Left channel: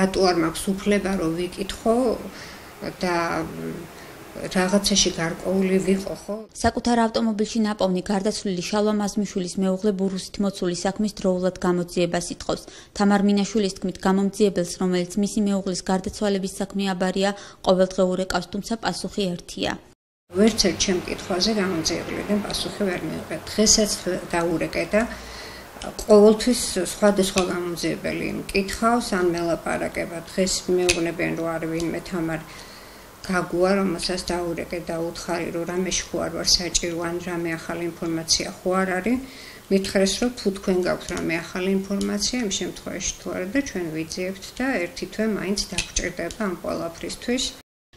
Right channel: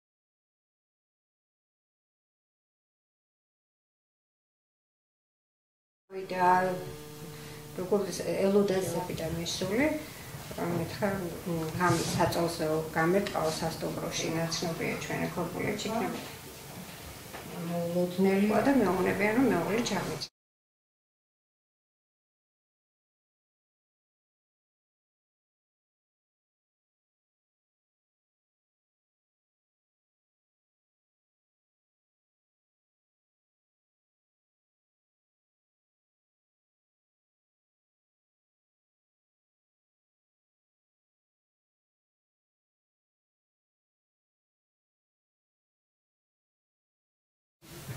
რატო არ მაქვს უფლება რომ ვიკითხო და რაღაცაში გარკვეული ვიყო ხო? საკუთარ ავტომობილში ნაპოვნი გარდაცვლილი შალვა მაზმიშვილის მეუღლე ბურუსით მოცული საქმის დროულად გამოძიებას იტყობს. თამარ მინაშვილის თქმით, გამომძიებელს, რომელიც მისი მეუღლის გარდაცვალების საქმე აბარია, ყოველდღიურ ეკავს, თუმცა პასუხი ერთია. ვერც ერთ ჩემ კითხვაზე გამომძიებელიდან პასუხი ვერ მივიღე. დღესაც დაურეკე და ყოველთვის სხვადასხვა გამომძიებელი მკითხავს ან მელაპარაკება. დღეს მეუბნებიან რომ არ ვინმე თამარ გაგუა, რომელსაც დაურეკე და უთხარი რომ რამეში ხო არ ვარ საჭირო ან რამე ახალი ინფორმაცია ხო არ არის. მითხრეს რომ თუ თქვენ გაქვთ რამე ახალი ინფორმაცია, იმ შემთხვევაში თუ არა და ჩვენ ვიძიებთ და ერთი თვე მაინც დაგჭირდება ამ ყველაფრისთვის.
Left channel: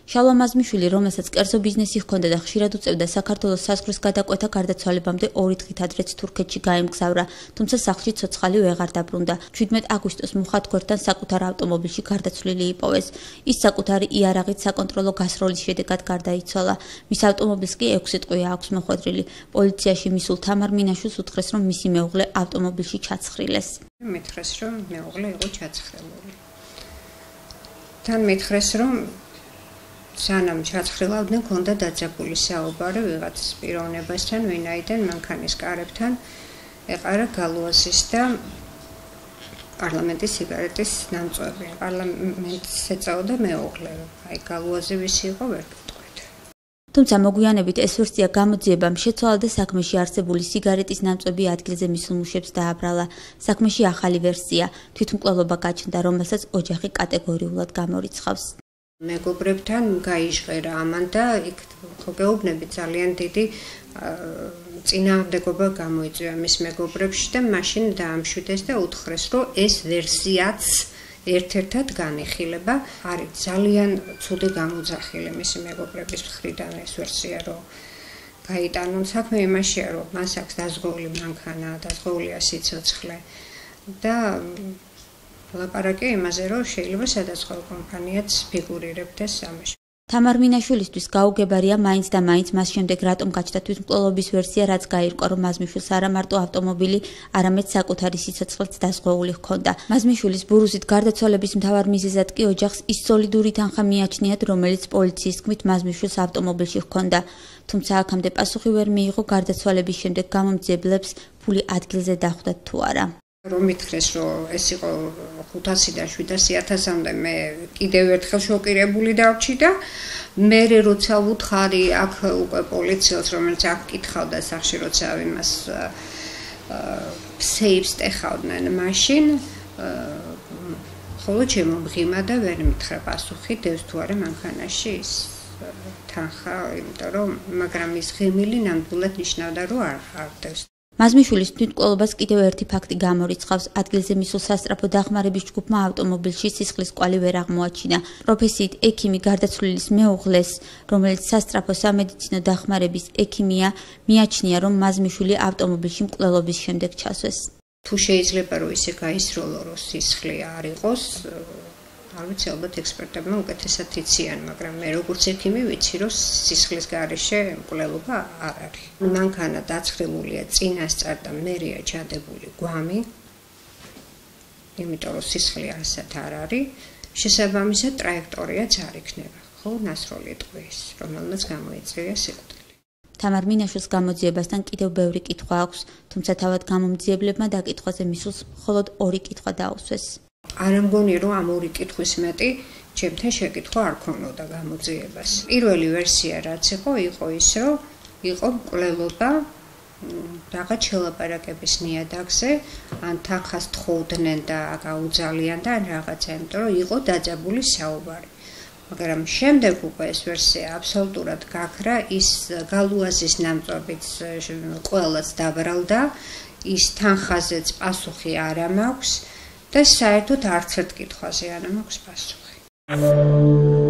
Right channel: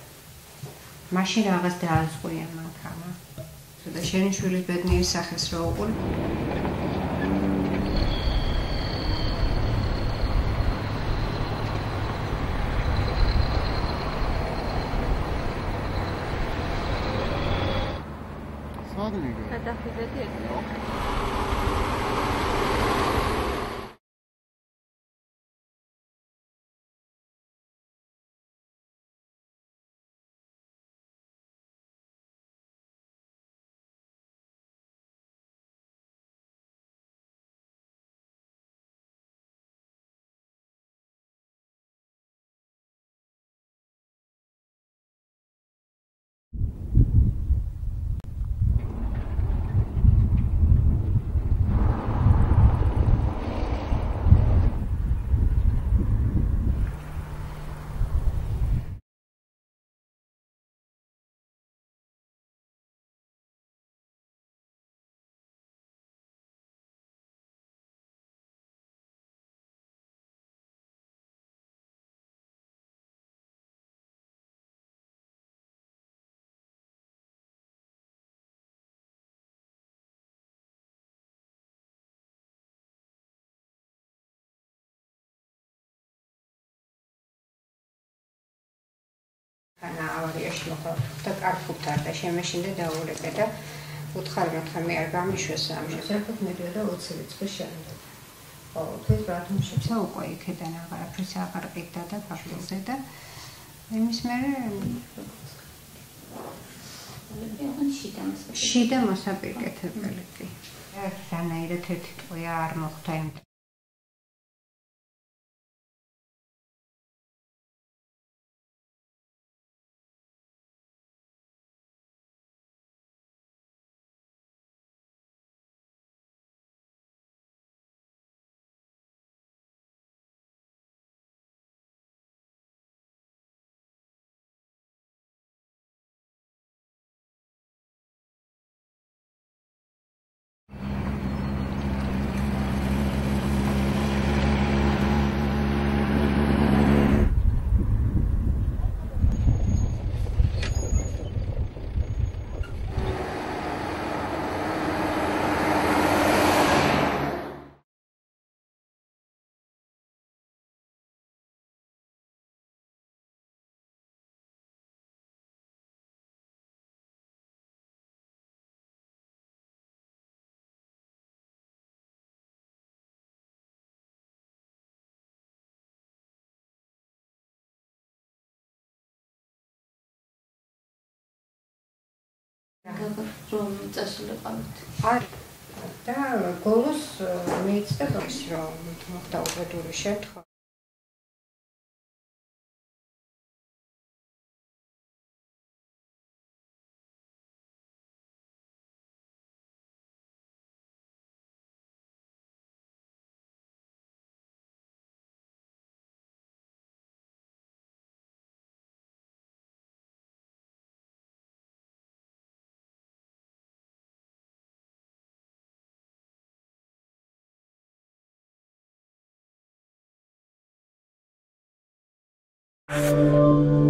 შალვა მაზმიშვილი, რომელსაც კერძო ბიზნესი ჰქონდა და ხშირად უწევდა საქართველოს საზღვრის გადაკვეთა გარდაცვალებამდე 2 დღით ადრეც თურქეთში გაემგზავრა, თუმცა სახლში ცოცხალი ვეღარ დაბრუნდა. 17 აგვისტოს მოხატგორთან საკუთარ ავტომობილში გარდაცვლილი იპოვეს. ის საკუთარი იარაღით საკონტროლო გასროლის შედეგად გარდაიცვალა. მის ავტომობილს კი 6 ტყვია აქვს მოხვედრილი. პოლიციაში მისულ თამარ მინაშვილს უთხრეს, რომ მისი მეუღლე ავტომობილში ჩაცხრილეს. მითხრეს, რომ მეუღლე იყო ჩაცხრილული. თან მითხრეს, რომ სანამ ჩაცხრილავდნენ, ქონდა დაძაბული საუბარი ვიღაც პიროვნებასთან, ვინაიდან მანქანის კარებთან ეყარა გალუაზის და პარლამენტის სიგარეტის ნამწვევი. პარლამენტს ეწეოდა მეუღლე, აი გალუაზი ვისი იყო ვერ გეტყვით. თუმცა მოგვიანებით ეს ვერსია გამოძიებამ შეცვალა და საქმეში არსებული სიგარეტის ნამწვევი ადგილზე მისულ მუშებს დააბრალა. საქმეში ახალი ვერსია, თვითმკვლელობა გაჩნდა, რომელსაც ოჯახი კატეგორიულად გამორიცხავს. მეგობრებთან გაიჟღერა ამან და იქ გეუბნები ძალიან დიდი წინააღმდეგობა გამოიწვია მის მეგობრებში და მაშინ დაამშვიდეს და უთხრეს, რომ ეს ვერსიაც ერთ-ერთად განიხილება. არის ძალიან ცუდი გამოძახილი მისი მეგობრების მხრიდან ეს ვერსია, რომ გაიტანონ. საქმე იმაშია, რომ მას აქვს დაზღვეული მანქანა, დაზღვეულია სიცოცხლე და ლაპარაკი იმაზე, რომ შეიძლება სადაზღვევ კომპანიაც ფიგურირებდეს ამაში. თამარ მინაშვილისთვის გაუგებარია მაინც და მაინც მას შემდეგ რატომ გაჩნდა თვითმკვლელობის ვერსია, რაც გაირკვა, რომ მაზმიშვილს არა მარტო ავტომობილი, არამედ საკუთარი სიცოცხლეც დაზღვეული ჰქონდა. მაზმიშვილის ბურუსით გარდაცვალების მთავარ მიზეზად კი ოჯახს ის სოლიდური თანხა მიაჩნიათ, რომელიც პოლიციის თქმით მაზმიშვილს ავტომობილში ჰქონდა. თუმცა აქამდე პასუხი ვერ მიიღო გარდაცვალების შემდეგ გამომძიებელებს ფული ადგილზე დახვდათ თუ არა. რომ მითხრეს, რომ ეს იყო 500-დან 700.000-მდე მე კიდევ ერთხელ შოკირებული დავრჩი და მე როცა ვუთხარი აქ უკვე პოლიციელს, რომელიც აქ კითხავდა სახში, როცა იმას სეიფს ტეხავდნენ მაშინ, ხოლო ჩემო მღიმა და ვერ მითხრა პასუხი, დევს თუ არა მანქანაში ის თანხა, იმიტომ რომ მაგრამ ის ღიმილი ნამდვილად ნიშნავდა, რომ არ დევს. მაზმიშვილის თვითმკვლელობას კიდევ ერთი ფაქტი გამორიცხავს. ადგილზე მისულ სასწრაფო დახმარების ჯგუფმა ავტომობილში სისხლის კვალი ვერ აღმოაჩინა. პროფესიით ექიმი გარდაცვლილის მეუღლეს, რომელიც სასწრაფო სამედიცინო დახმარების ექიმია, მიაჩნია, რომ მაზმიშვილი ავტომობილში მკვლელობის შემდეგ ჩასვეს. თუ შეიძლება რომ ისე გაისროლო, რომ სისხლი არ იყოს, არ ვიცი, ალბათ ექსპერტებმა უკეთესად იციან, მაგრამ მე როგორც ექიმი ვიცი, რომ სისხლის გარეშე მკვლელობა არ არის. მანქანა დაცხრილულია წინასწარ და მერეა ჩადებული გვამი, იმიტომ რომ სისხლი ასად არ არის, შესაბამისად ტრაექტორიაც არ იქნება, ხო, ნასროლი ტყვის, რომელმაც გამოიწვია სიკვდილი. თამარ მინაშვილის გამოძიებასთან კიდევ ბევრი კითხვა აქვს, თუმცა თავად გამომძიებლებმა დაკითხვაზე მისვლის მხოლოდ 2 კითხვა დაუსვეს. არ მგონია, რომ ამ 2 კითხვის მეტი ჩემთან შეკითხვა არ ქონოდა გამოძიებას. პირველი ვერსია რაც იყო ის, რომ იყო მკვლელობა რაღაც შელაპარაკების ნიადაგზე, ან თანხას თხოვდნენ და გაუძალიან და ან რაღაცა, იმიტომ რომ იყო დაძაბული საუბარი. მაგრამ შემდეგ უკვე ეს ვერსია აბსოლუტურად გაქრა, ის გალუაზის ნამწვავიც ყველას დაბრალდა, ის თანხაზეც პასუხი არა მაქვს და საერთოდ არც ერთ კითხვაზე არ მაქვს პასუხი.